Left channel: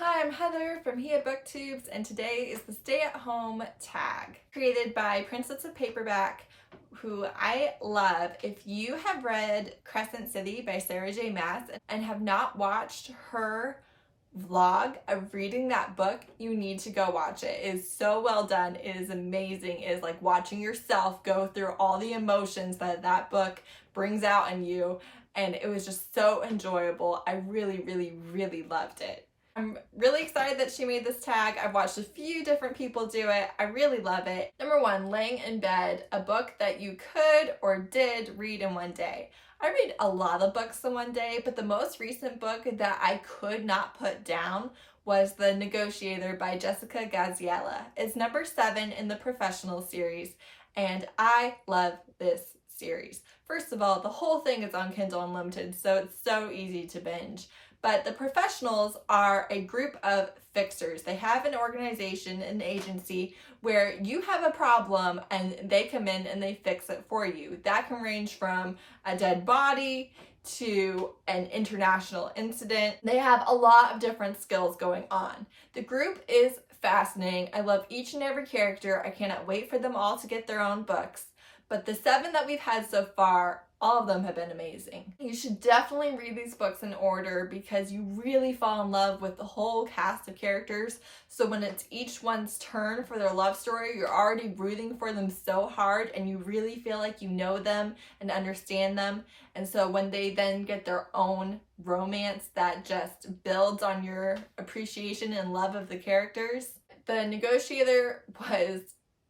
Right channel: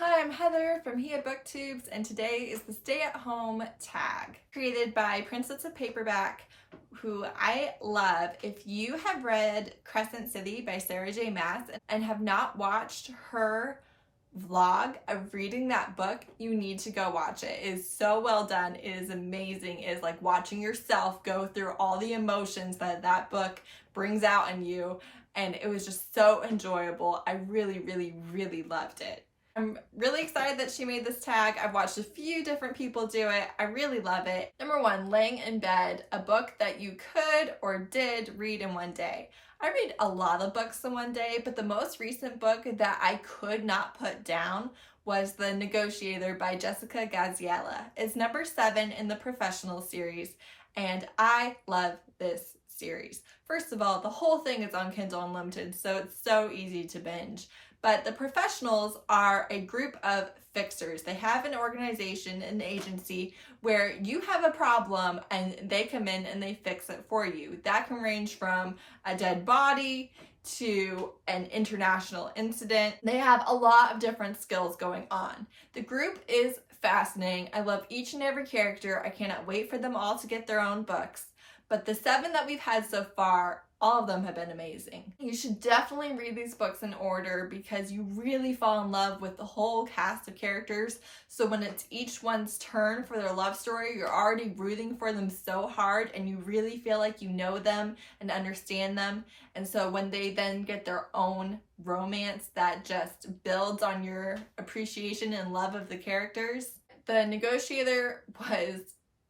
Hi, I'm Heather from Hia Booktubes, and today is the Stay at Home tag, created by Princess of Paperback, who I love. If you have read Crescent City by Sarah J. Maas and have not watched her vlog of reading that book, you need to go watch it. It is so well done. It is amazing. It is like watching yourself go through all the emotions that book brings out in you, and it was just so enjoyable. I really loved it. I'm really excited that she made this tag. I've watched a few different people do it. I really love it. Number one, Laying in Bed, a book that you could or did read in one day. I read a lot of books in one day, but the most recent book that I could not put down was The Negotiator by Jessica Gadziala. It's number 7 in the professional series, and I love this series. First of all, the whole thing is on Kindle Unlimited, so it's so easy to binge. But the professionals are a group of fixers. They have an organization, an agency, where you have a problem and they come in and they fix it for you. That can range from a dead body to an international incident. They have a lot of different skills going on. The group is fascinating. I love each and every character. I cannot wait for them all to get their own books. But the 7 that we've had so far, all of them have been amazing. You should definitely read these books in order because you really fall in love with the whole cast of characters. So when it's each one's turn for their love story, you're already rooting for them so hard and you really feel like you know them and understand them. And so when they then get their own romance, that just builds on your appreciation and love of the characters. The Negotiator was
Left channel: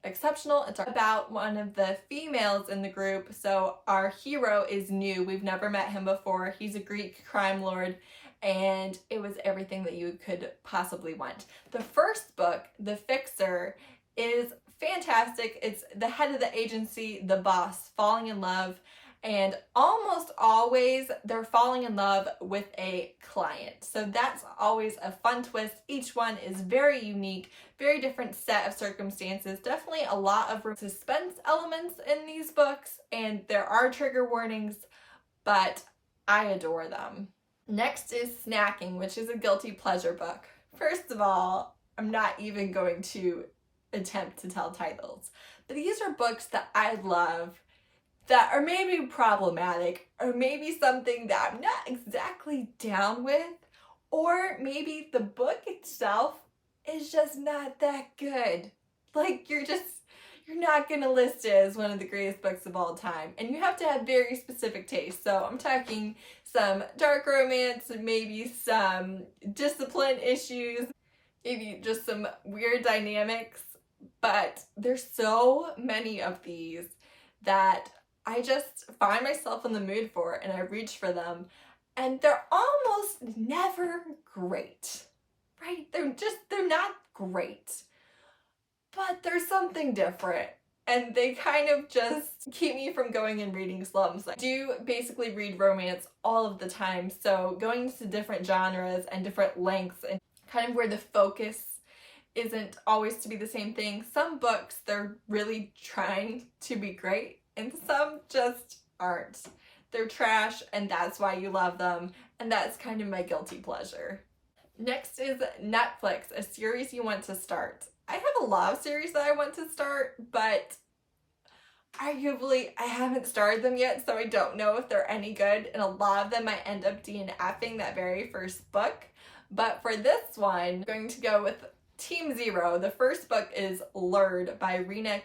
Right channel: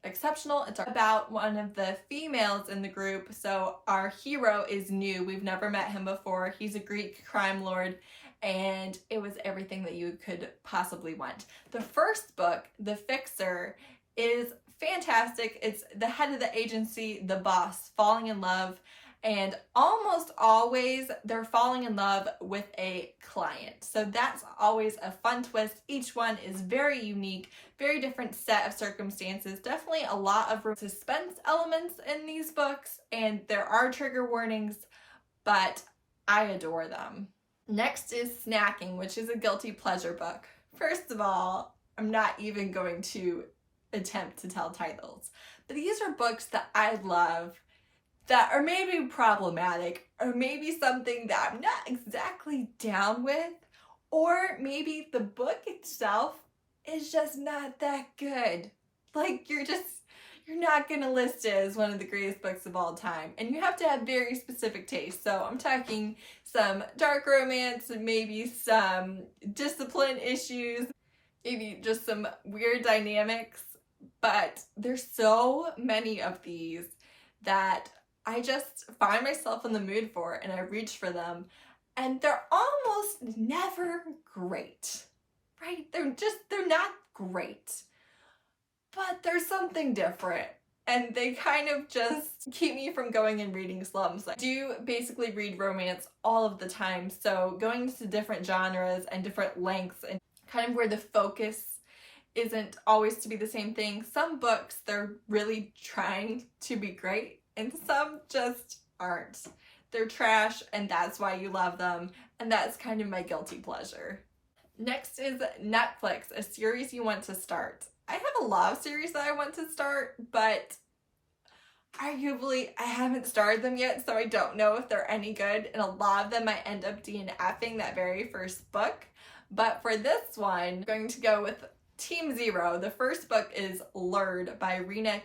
exceptional. It's about one of the females in the group. So our hero is new. We've never met him before. He's a Greek crime lord, and it was everything that you could possibly want. The first book, The Fixer, is fantastic. It's the head of the agency, the boss, falling in love, and almost always they're falling in love with a client. So that's always a fun twist. Each one is very unique, very different set of circumstances. Definitely a lot of suspense elements in these books, and there are trigger warnings, but I adore them. Next is Snacking, which is a guilty pleasure book. First of all, I'm not even going to attempt to tell titles, but these are books that I love that are maybe problematic, or maybe something that I'm not exactly down with, or maybe the book itself is just not that good. Like, you're not gonna list it as one of the greatest books of all time, and you have to have very specific taste. So I'm talking some dark romance, maybe some discipline issues, maybe just some weird dynamics, but there's so many of these that I just find myself in the mood for and I reach for them, and they're almost never great, right? They're not great, but there's something different, and they kind of just keep me from going and reading slums. I do basically read romance all of the time, so going into different genres and different lengths and kind of where the focus isn't always to be the same thing. Some books, they're really trying to be great, and some just aren't. They're trash, and that's why you love them, and that's kind of my guilty pleasure. Next is Netflix, a series you want to start. I have a lot of series that I want to start, but arguably I haven't started them yet, so I don't know if they're any good, and a lot of them I end up DNFing that very first book. But for this one, I'm going to go with Team Zero. The first book is Lured by Rina.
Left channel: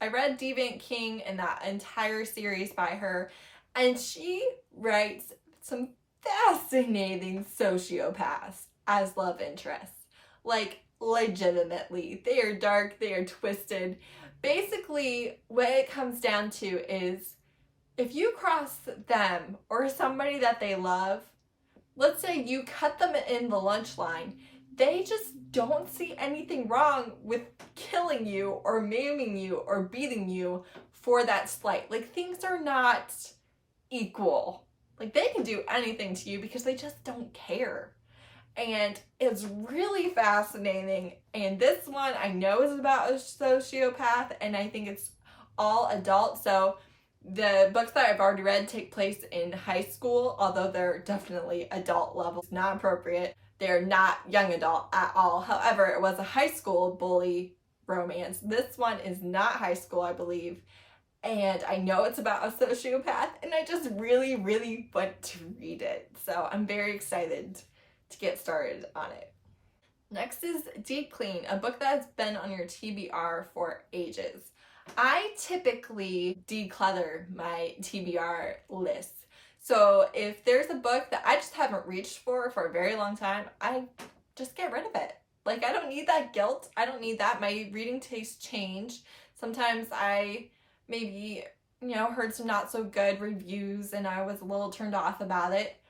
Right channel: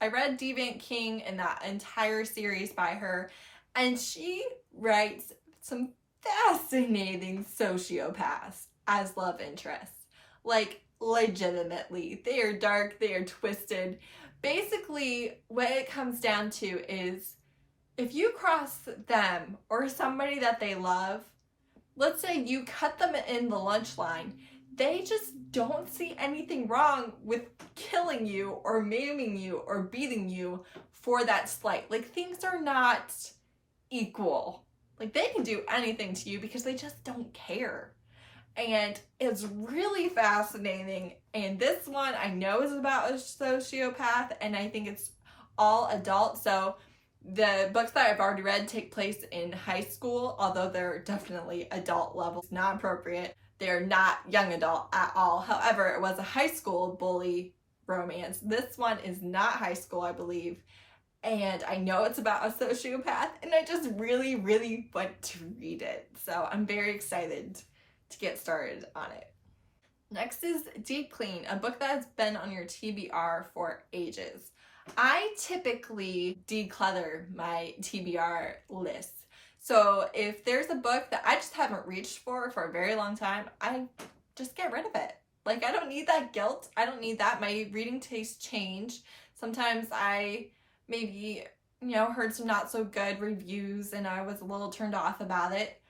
I read Deviant King and that entire series by her, and she writes some fascinating sociopaths as love interests. Like, legitimately. They are dark, they are twisted. Basically, what it comes down to is if you cross them or somebody that they love, let's say you cut them in the lunch line, they just don't see anything wrong with killing you or maiming you or beating you for that slight. Like, things are not equal. Like, they can do anything to you because they just don't care. And it's really fascinating. And this one I know is about a sociopath, and I think it's all adult. So the books that I've already read take place in high school, although they're definitely adult levels, not appropriate. They're not young adult at all. However, it was a high school bully romance. This one is not high school, I believe. And I know it's about a sociopath, and I just really, really want to read it. So I'm very excited to get started on it. Next is Deep Clean, a book that has been on your TBR for ages. I typically declutter my TBR lists. So if there's a book that I just haven't reached for a very long time, I just get rid of it. Like, I don't need that guilt. I don't need that. My reading tastes change. Sometimes I maybe, heard some not so good reviews and I was a little turned off about it.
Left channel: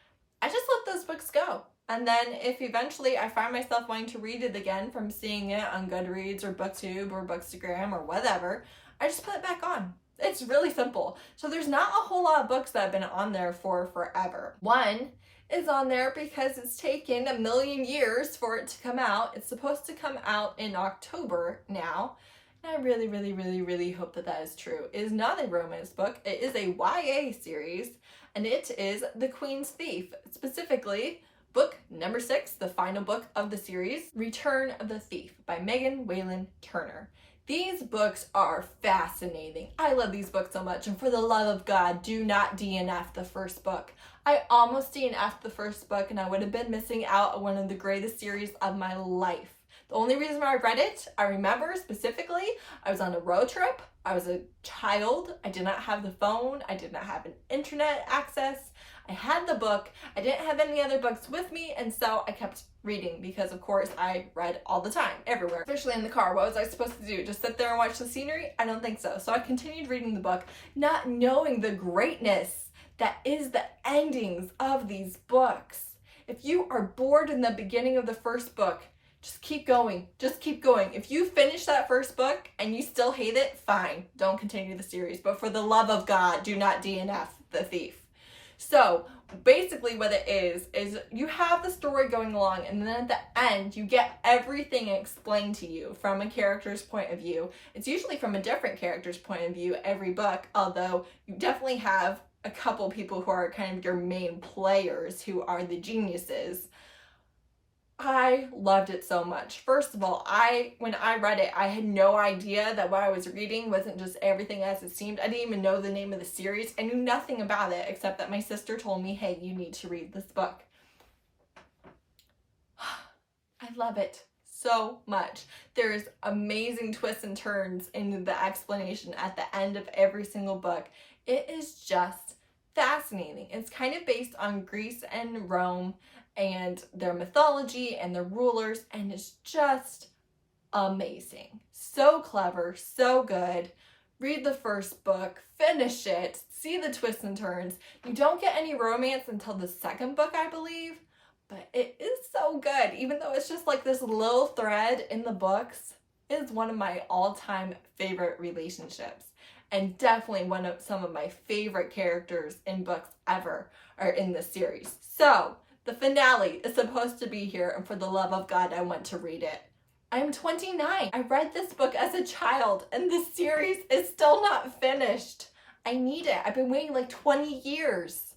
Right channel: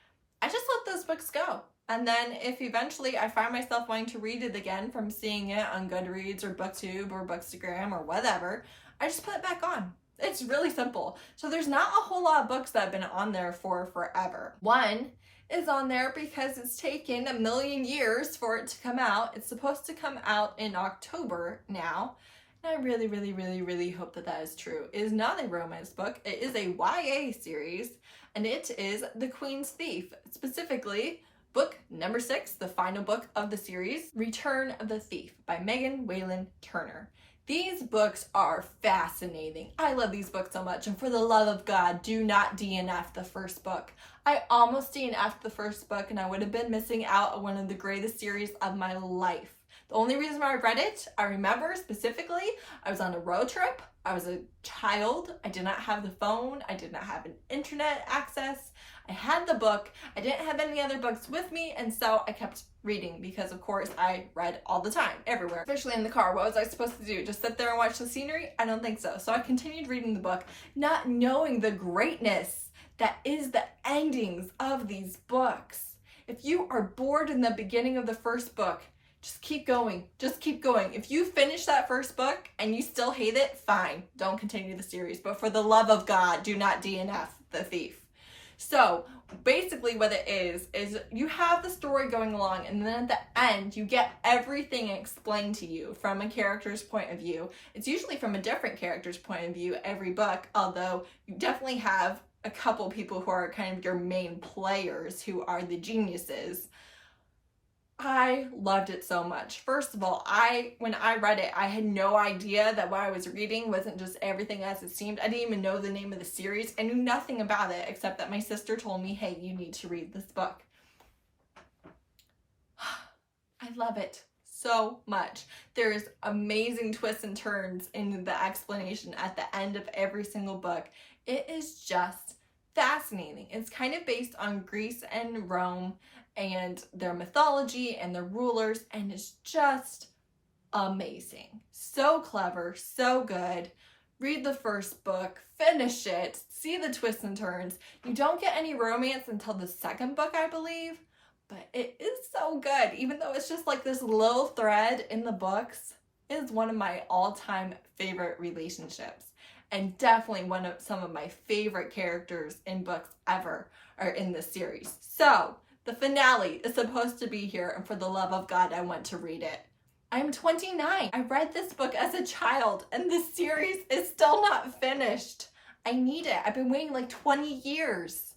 I just let those books go. And then if eventually I find myself wanting to read it again from seeing it on Goodreads or BookTube or Bookstagram or whatever, I just put it back on. It's really simple. So there's not a whole lot of books that have been on there for forever. One is on there because it's taken 1 million years for it to come out. It's supposed to come out in October now. And I really, really, really, really hope that is true. It is not a romance book. It is a YA series, and it is The Queen's Thief. Specifically, book number 6, the final book of the series, Return of the Thief by Megan Whalen Turner. These books are fascinating. I love these books so much, and for the love of God, do not DNF the first book. I almost DNF'd the first book, and I would have been missing out on one of the greatest series of my life. The only reason why I read it, I remember specifically, I was on a road trip. I was a child. I did not have the phone. I did not have an internet access. I had the book. I didn't have any other books with me, and so I kept reading because, of course, I read all the time, everywhere, especially in the car. What was I supposed to do? Just sit there and watch the scenery? I don't think so. So I continued reading the book, not knowing the greatness that is the endings of these books. If you are bored in the beginning of the first book, just keep going. Just keep going. If you finish that first book and you still hate it, fine. Don't continue the series. But for the love of God, do not DNF The Thief. So basically what it is you have the story going along, and then at the end you get everything explained to you from a character's point of view. It's usually from a different character's point of view every book, although you definitely have a couple people who are kind of your main players who are the geniuses. I loved it so much. First of all, when I read it, I had no idea that what I was reading wasn't just everything as it seemed. I didn't even know the name of the series. I knew nothing about it except that my sister told me, hey, you need to read this book. I love it so much. There's amazing twists and turns in the explanation at the end of every single book. It is just fascinating. It's kind of based on Greece and Rome and their mythology and their rulers, and it's just amazing. So clever, so good. Read the first book, finish it, see the twists and turns. You don't get any romance until the second book, I believe, but it is so good. Even though it's just like this little thread in the books, it is one of my all-time favorite relationships, and definitely some of my favorite characters in books ever are in this series. So the finale is supposed to be here, and for the love of God, I want to read it. I am 29. I read this book as a child, and this series is still not finished. I need it. I've been waiting like 20 years.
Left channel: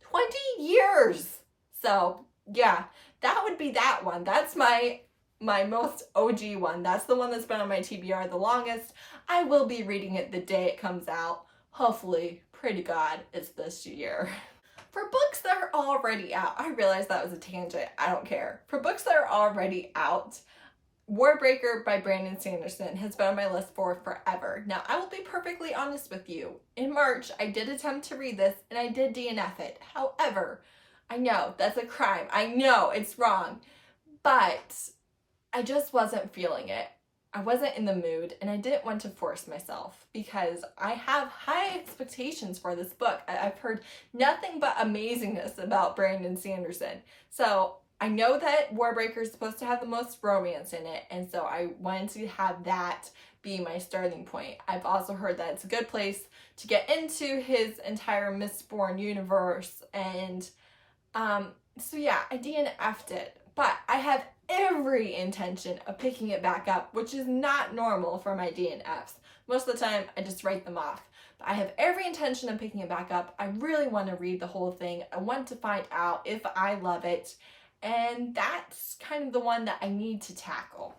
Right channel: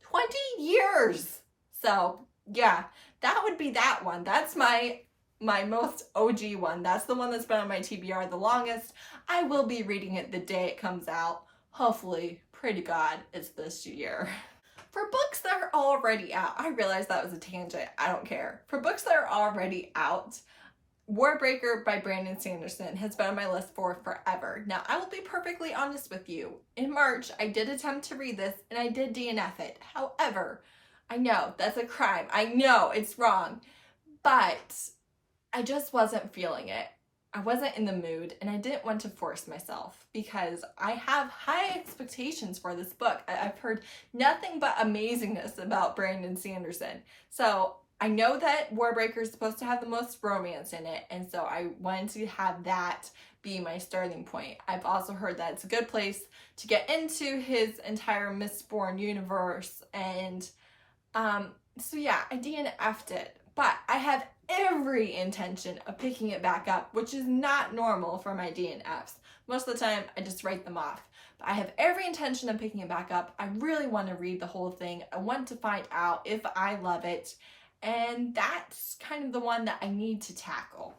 20 years! So, yeah, that would be that one. That's my most OG one. That's the one that's been on my TBR the longest. I will be reading it the day it comes out. Hopefully, pray to God, it's this year. For books that are already out, I realize that was a tangent, I don't care. For books that are already out, Warbreaker by Brandon Sanderson has been on my list for forever. Now, I will be perfectly honest with you. In March, I did attempt to read this, and I did DNF it. However, I know that's a crime. I know it's wrong, but I just wasn't feeling it. I wasn't in the mood, and I didn't want to force myself because I have high expectations for this book. I've heard nothing but amazingness about Brandon Sanderson. So I know that Warbreaker is supposed to have the most romance in it, and so I wanted to have that be my starting point. I've also heard that it's a good place to get into his entire Mistborn universe, and so yeah, I DNF'd it, but I have every intention of picking it back up, which is not normal for my DNFs. Most of the time, I just write them off. But I have every intention of picking it back up. I really want to read the whole thing. I want to find out if I love it. and that's kind of the one that I need to tackle.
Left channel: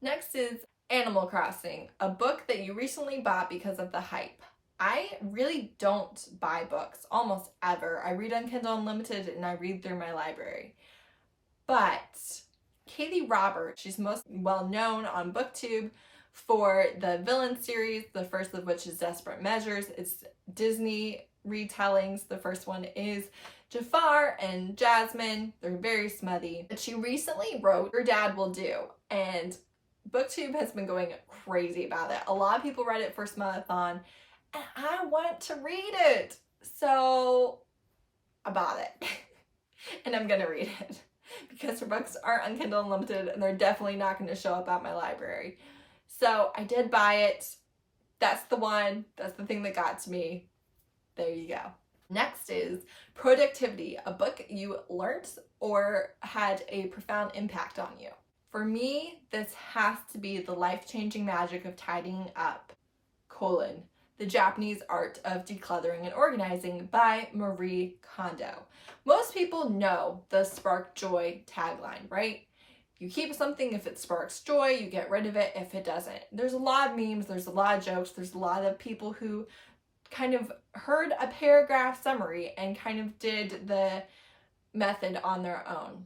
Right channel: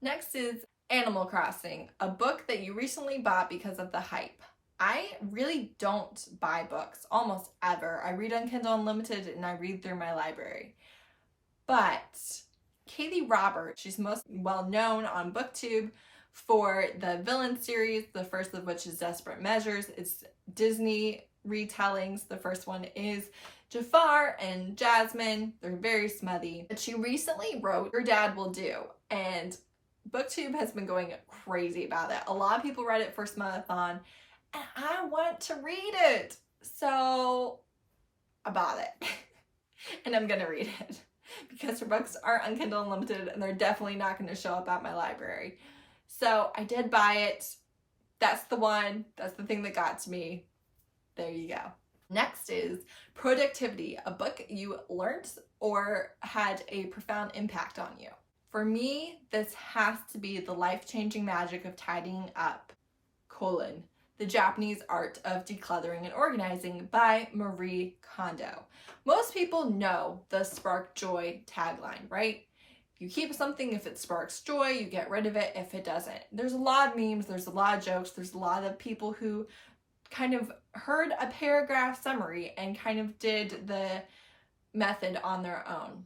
Next is Animal Crossing, a book that you recently bought because of the hype. I really don't buy books almost ever. I read on Kindle Unlimited and I read through my library. But Katee Roberts, she's most well known on BookTube for the Villain series, the first of which is Desperate Measures. It's Disney retellings. The first one is Jafar and Jasmine. They're very smutty. But she recently wrote Your Dad Will Do, and BookTube has been going crazy about it. A lot of people read it for Smuttathon, and I want to read it. So I bought it. And I'm gonna read it because her books aren't on Kindle Unlimited and they're definitely not gonna show up at my library. So I did buy it. That's the one. That's the thing that got to me. There you go. Next is Productivity, a book you learned or had a profound impact on you. For me, this has to be The Life-Changing Magic of Tidying Up, The Japanese Art of Decluttering and Organizing by Marie Kondo. Most people know the Spark Joy tagline, right? You keep something if it sparks joy, you get rid of it if it doesn't. There's a lot of memes, there's a lot of jokes, there's a lot of people who kind of heard a paragraph summary and kind of did the method on their own.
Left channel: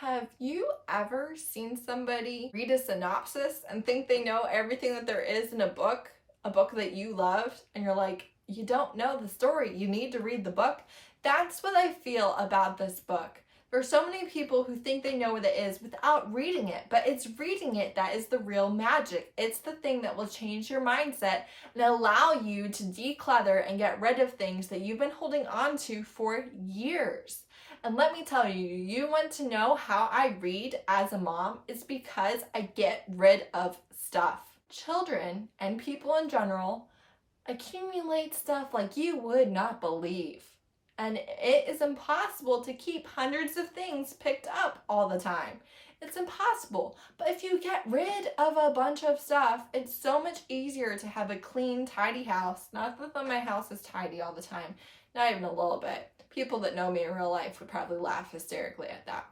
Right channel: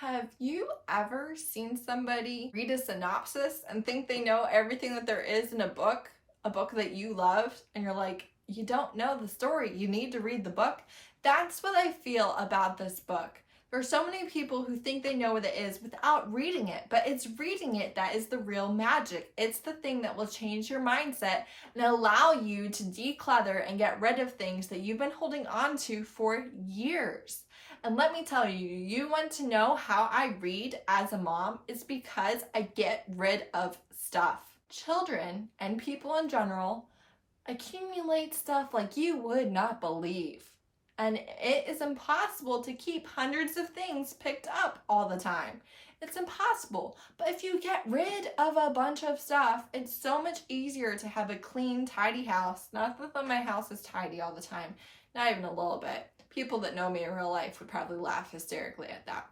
Have you ever seen somebody read a synopsis and think they know everything that there is in a book that you loved, and you're like, you don't know the story, you need to read the book? That's what I feel about this book. There are so many people who think they know what it is without reading it, but it's reading it that is the real magic. It's the thing that will change your mindset and allow you to declutter and get rid of things that you've been holding on to for years. And let me tell you, you want to know how I read as a mom? It's because I get rid of stuff. Children and people in general accumulate stuff like you would not believe. And it is impossible to keep hundreds of things picked up all the time. It's impossible. But if you get rid of a bunch of stuff, it's so much easier to have a clean, tidy house. Not that my house is tidy all the time. Not even a little bit. People that know me in real life would probably laugh hysterically at that.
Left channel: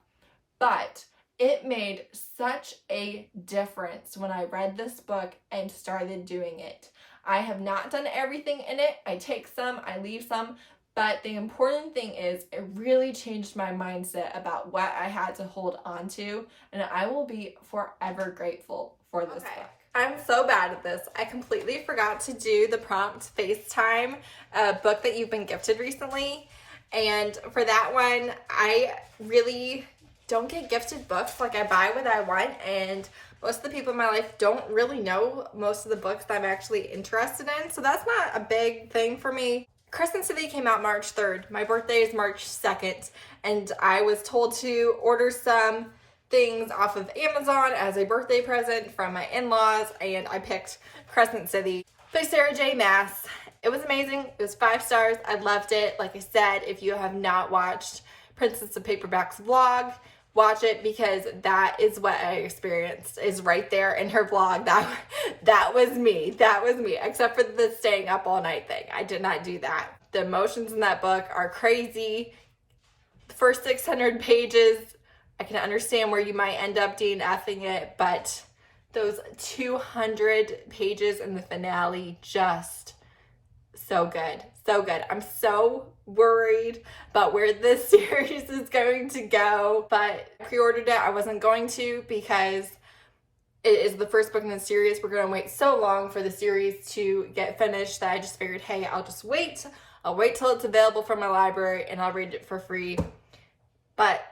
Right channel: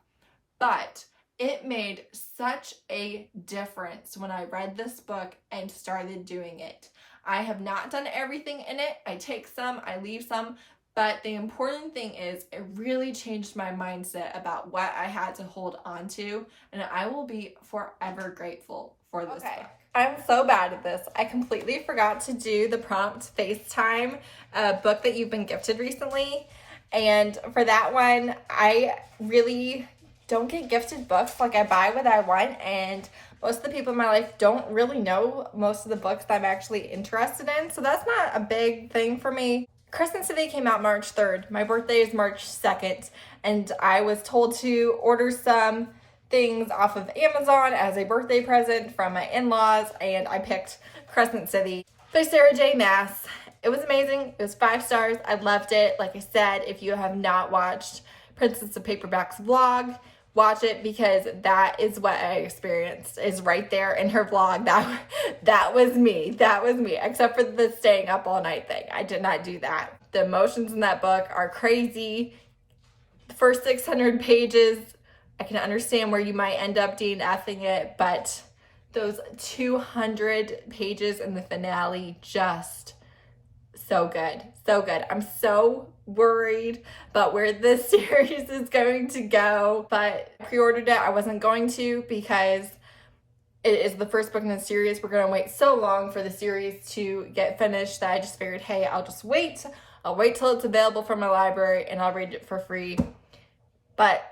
But it made such a difference when I read this book and started doing it. I have not done everything in it. I take some, I leave some. But the important thing is it really changed my mindset about what I had to hold on to, and I will be forever grateful for this book. I'm so bad at this. I completely forgot to do the prompt FaceTime book that you've been gifted recently. And for that one, I really don't get gifted books. Like, I buy what I want, and most of the people in my life don't really know most of the books that I'm actually interested in. So that's not a big thing for me. Crescent City came out March 3rd. My birthday is March 2nd, and I was told to order some things off of Amazon as a birthday present from my in-laws, and I picked Crescent City by Sarah J. Maas. It was amazing. It was 5 stars. I loved it. Like I said, if you have not watched Princess of Paperback's vlog, watch it, because that is what I experienced, is right there in her vlog. That was me. That was me, except for the staying up all night thing. I did not do that. The emotions in that book are crazy. The first 600 pages, I can understand where you might end up DNFing it, but those 200 pages in the finale, just so good. So good. I'm so worried about where this series is going to go, but I pre-ordered it. I wasn't going to, because it is the first book in the series. We're going to wait so long for the series to get finished that I just figured, hey, I'll just wait. I'll wait till it's available from my library and I'll read it for free. But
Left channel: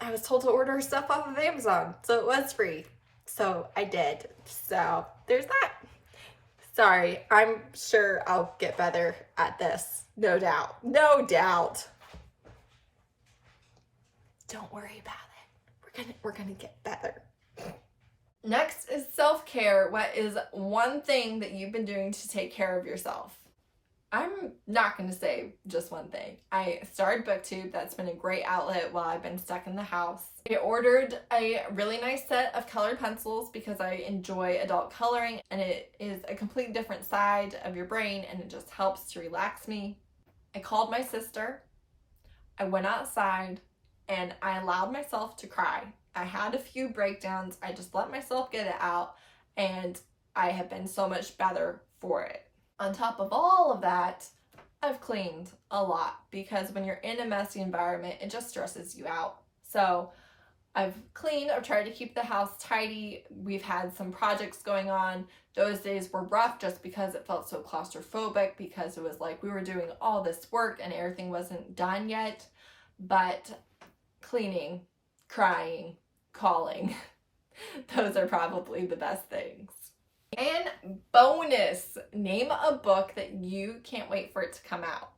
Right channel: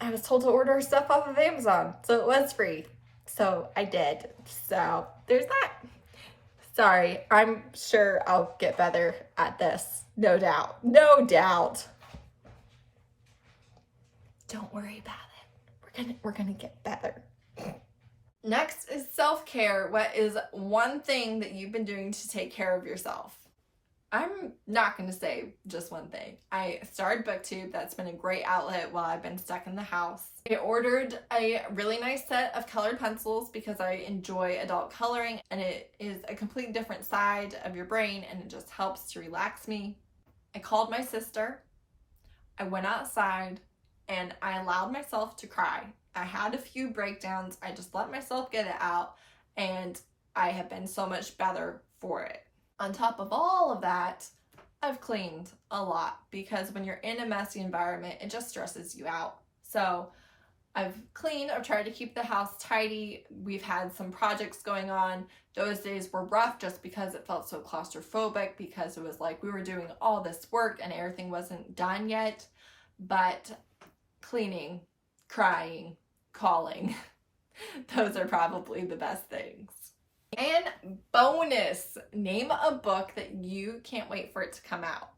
I was told to order stuff off of Amazon, so it was free. So I did. So there's that. Sorry, I'm sure I'll get better at this. No doubt. No doubt. Don't worry about it. We're gonna get better. Next is self-care. What is one thing that you've been doing to take care of yourself? I'm not going to say just one thing. I started BookTube. That's been a great outlet while I've been stuck in the house. I ordered a really nice set of colored pencils because I enjoy adult coloring, and it is a completely different side of your brain, and it just helps to relax me. I called my sister. I went outside. and I allowed myself to cry. I had a few breakdowns. I just let myself get it out, and I have been so much better for it. On top of all of that, I've cleaned a lot, because when you're in a messy environment, it just stresses you out. So I've cleaned, I've tried to keep the house tidy. We've had some projects going on. Those days were rough just because it felt so claustrophobic, because it was like we were doing all this work and everything wasn't done yet. But cleaning, crying, calling, those are probably the best things. And bonus, name a book that you can't wait for it to come out.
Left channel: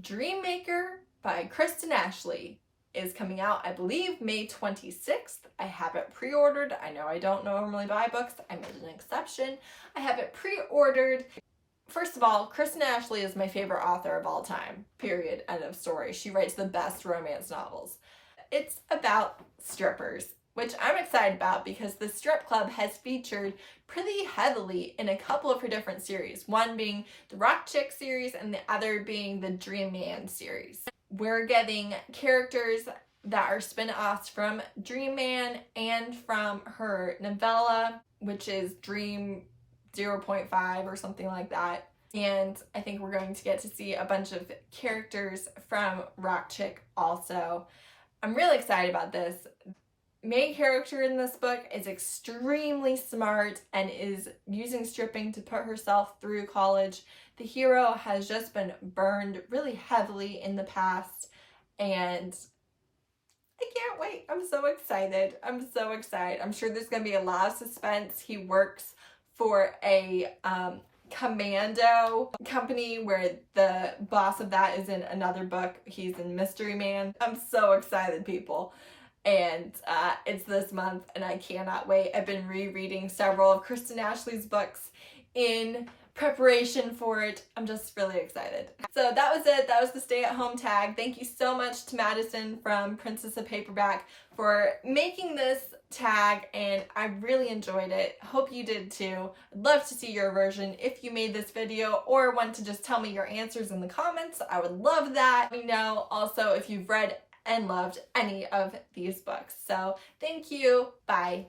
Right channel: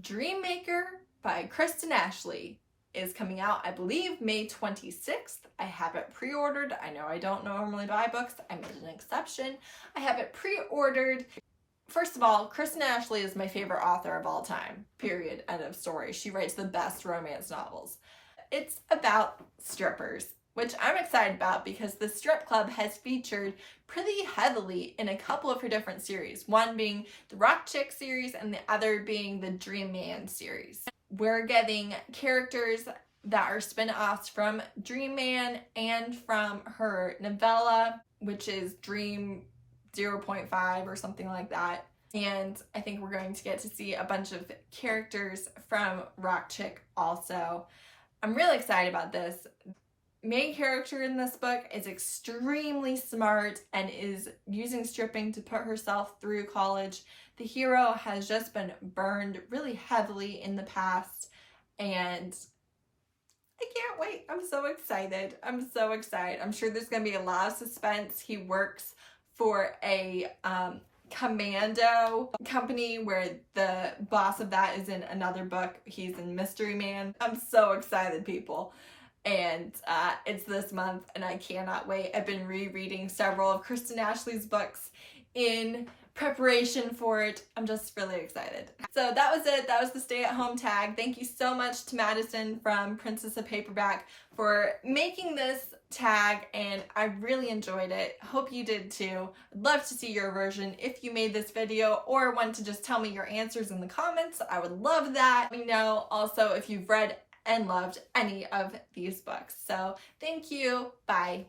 Dreammaker by Kristen Ashley is coming out, I believe, May 26th. I have it pre-ordered. I know I don't normally buy books. I made an exception. I have it pre-ordered. First of all, Kristen Ashley is my favorite author of all time, period, end of story. She writes the best romance novels. It's about strippers, which I'm excited about because the strip club has featured pretty heavily in a couple of her different series, one being the Rock Chick series and the other being the Dream Man series. We're getting characters that are spin-offs from Dream Man and from her novella, which is Dream 0.5 or something like that. And I think we're going to get to see a bunch of characters from Rock Chick also. I'm really excited about this. Main character in this book is extremely smart and is using stripping to put herself through college. The hero has just been burned really heavily in the past, and I can't wait. I'm so excited. I'm so excited. I'm sure there's going to be a lot of suspense. He works for a commando company where the boss of that is in another book. He's in Mystery Man. I'm so excited, people. And it's this month and I cannot wait. I've been rereading several of Kristen Ashley's books in preparation for it. I'm just really excited. So that was it. That was the stay-at-home tag. Thank you so much to Madison from Princess of Paperback for making this tag, and I really enjoyed it. Hope you did too. I'd love to see your version if you made this video or want to just tell me your answers in the comments. I would love that. Let me know also if you've read and loved any of these books. So thank you. Bye.